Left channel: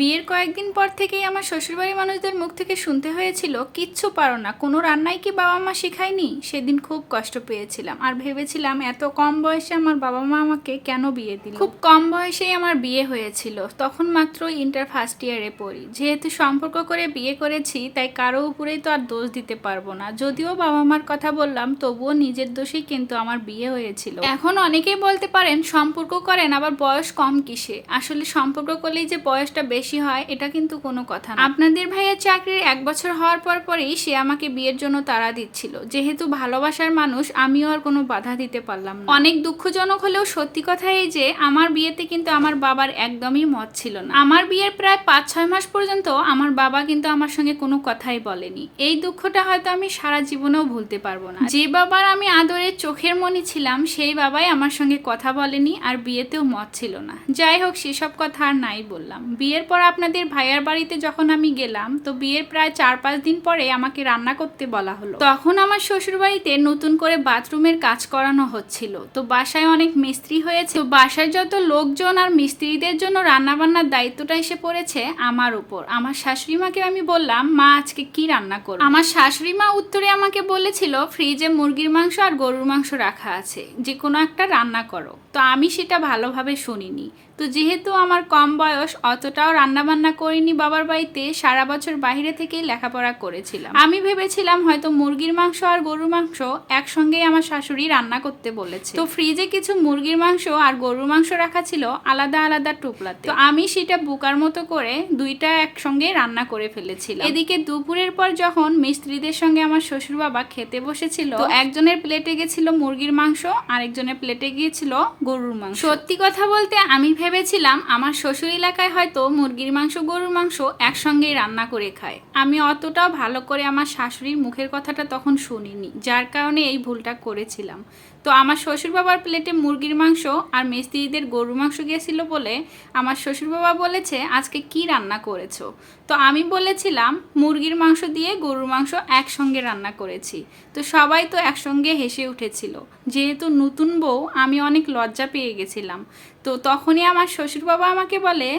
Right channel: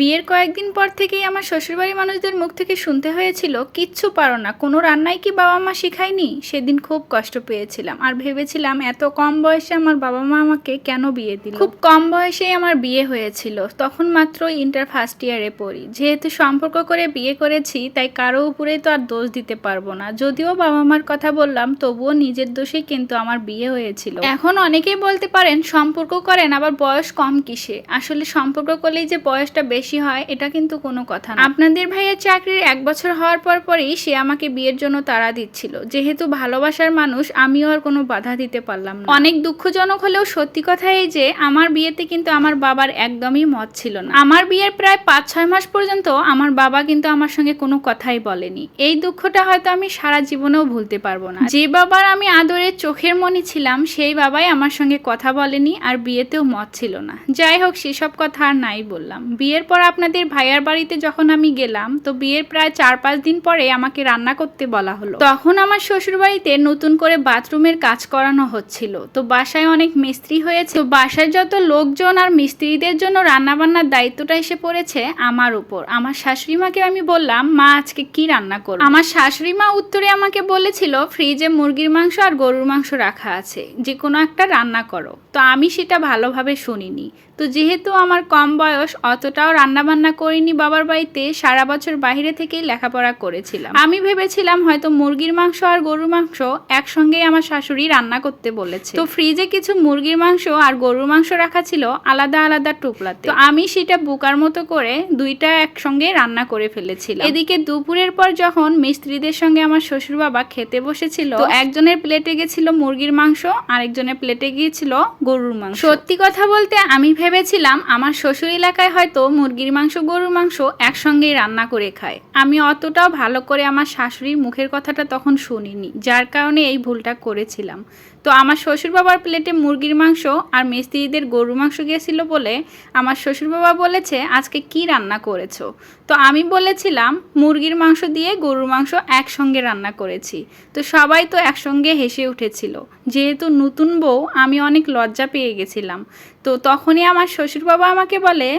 বিয়ের কয়েকদিন পর থেকেই আমার শ্বশুরবাড়ির মানুষদের মুখ থেকে শুনতে হয়েছিল, কিচ্ছু পারো না, কোনো রান্নাই কি বাবা মা শেখায়নি? সেদিন খুব কষ্ট পেয়েছিলাম আর ভেবেছিলাম এত কম বয়সে আমার বাবা মা আমাকে কেন বিয়ে দিল? খুব কম বয়সেই আমার বিয়ে হয়েছিল, তখন মাত্র ইন্টার ফার্স্ট ইয়ারে পড়ি। যেহেতু সম্পর্ক করে বিয়ে করেছি, তাই কারও উপরেই তো আর দোষ দিতে পারব না। যদিও বাবা মার কথা বললাম, তবুও নিজের দোষেই কিন্তু আমার বিয়ে হয়েছিল। এখন অনেকেই বলতে পারেন, সম্পর্ক করেন, আবার বয়স কম কিসে? আসলে সম্পর্ক করলেই যে বয়সটা বেশি হয়, এটা কিন্তু কোনো কথা না আপনাদের ভাইয়ের চাকরির এক বছর হওয়ার পর পরই সে আমাকে বিয়ের জন্য তাড়া দিচ্ছিল। যেহেতু ভালোবাসার মানুষ, আমিও আর কোনো বাধা দিতে পারলাম না। অনেক দুঃখজনক হলেও সত্যি কথা এই যে, আমার বিয়েতে কিন্তু আমার বাবার একদমই মত ছিল না। আমার বিয়ের প্রায় পাঁচ ছয় মাস পর্যন্ত আমার বাবা কিন্তু আমার সঙ্গে কোনো কথাই বলেনি। এই দুঃখটা হয়তো আমি সারা জীবনেও ভুলতে পারব না। যে বাবার আমি আদরের চোখের মনি ছিলাম, সেই বাবাই আমার সঙ্গে কথা বলেনি আর বিয়েতেও মত ছিল না। যাই হোক, সেসব কথা আর নাই বললাম। বিয়ের পর আপনাদের ভাইয়ার বাড়িতে যখন আমি গেলাম, তো বিয়ের প্রায় চার পাঁচ দিন পরে আমাকে রান্না করতে বলা হলো। তখন আমার শ্বশুর বাড়িতে নতুন করে বাথরুমের কাজ করানো হচ্ছিল। তো বাসায় অনেক মিস্ত্রি হয়েছে। তো বাসায় যত লোকজন আর মিস্ত্রিদের জন্য রান্না বান্নার দায়িত্বটা এসে পড়েছে আমার উপর। আমার শাশুড়ি মাকে আমি বললাম, মা, আজকে কি রান্না করব? আমার শাশুড়ি মা উত্তরে আমাকে বলেছিল, ফ্রিজে মুরগির মাংস আর গরুর মাংস রাখা আছে। যে কোনো একটা রান্না করো। তো আমি সেটা ভালোভাবে শুনিনি। তো যেহেতু আমার কম বয়স, অতটাও রান্না বান্না করিনি বাবার বাড়িতে, সারা বছর বাইরে থেকেই লেখাপড়া করেছিলাম। আমি ভেবেছিলাম হয়তো মুরগির মাংস আর গরুর মাংস একসঙ্গেই আমার শাশুড়ি রান্না করতে বলেছে। তো ফ্রিজে কিছু মুরগির মাংস আর গরুর মাংস রাখা ছিল আলাদা আলাদা টুকলাতে তো আমি সেটা বুকার মতো করে দুইটা একসঙ্গে রান্না করে ফেলেছিলাম। এদিকে দুপুরের পর যখন মিস্ত্রিদের সঙ্গে আমার শ্বশুর বাবা খেতে বসেছিল, তো একজনের প্লেটে গেছিল মুরগির মাংস, আরেকজনের প্লেটে গিয়েছিল গরুর মাংস। সত্যি কথা বলতে আমি ভেবেছিলাম আমার শ্বশুর এলাকায় হয়তো মুরগির মাংস, গরুর মাংস একসঙ্গেই রান্না করে খায়। আমি অতটাও ভালো করে আমার শাশুড়ির মুখের কথাটা তখন শুনিনি, যার কারণে এই ভুলটা করেছিলাম। তো আমার শ্বশুর বাবার প্লেটে মুরগির মাংস আর মিস্ত্রিদের গরুর মাংস গিয়েছিল বলে আমার শ্বশুর বাবা বলেছে, আজকে কি রান্না করেছ? তো আমি বলেছিলাম, মুরগির মাংস দিয়ে গরুর মাংস একসঙ্গে রান্না করেছি। তো সবাই তো একসঙ্গে হেসে উঠেছিল। যেহেতু নতুন বউ, আমি অনেক লজ্জা পেয়ে গেছিলাম। তো তখনই আমার শ্বশুর বাবা আমাকে বলে,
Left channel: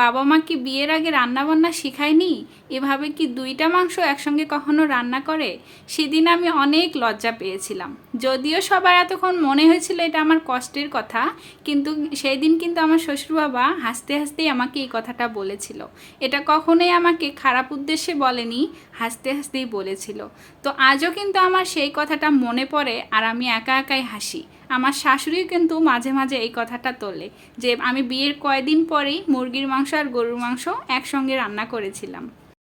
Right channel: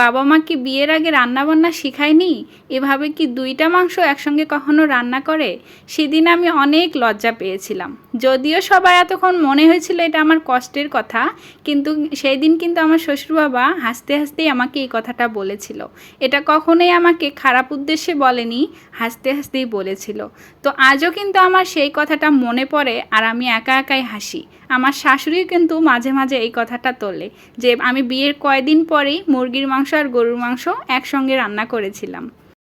বাবা মা কি বিয়ের আগে রান্না বান্না শেখায়নি? এভাবে কি দুইটা মাংস একসঙ্গে কখনো রান্না করে? সেদিন আমি অনেক লজ্জা পেয়েছিলাম। যদিও সবাই এতক্ষণ মনে হয়েছিল এটা আমার কষ্টের কথা, কিন্তু সেই দিন কিন্তু আমার শ্বশুর বাবা হাসতে হাসতেই আমাকে এই কথাটা বলেছিল। এটা কখনোই আমাকে খারাপ উদ্দেশ্যে বলেনি, হাসতে হাসতেই বলেছিল। তো আজও কিন্তু আমার সেই কথাটা মনে পড়ে আর আমি একা একাই হাসি। আমার শাশুড়িও কিন্তু মাঝে মাঝে এই কথাটা তোলে যে আমি বিয়ের কয়দিন পরেই মুরগির মাংস আর গরুর মাংস একসঙ্গে রান্না করেছিলাম।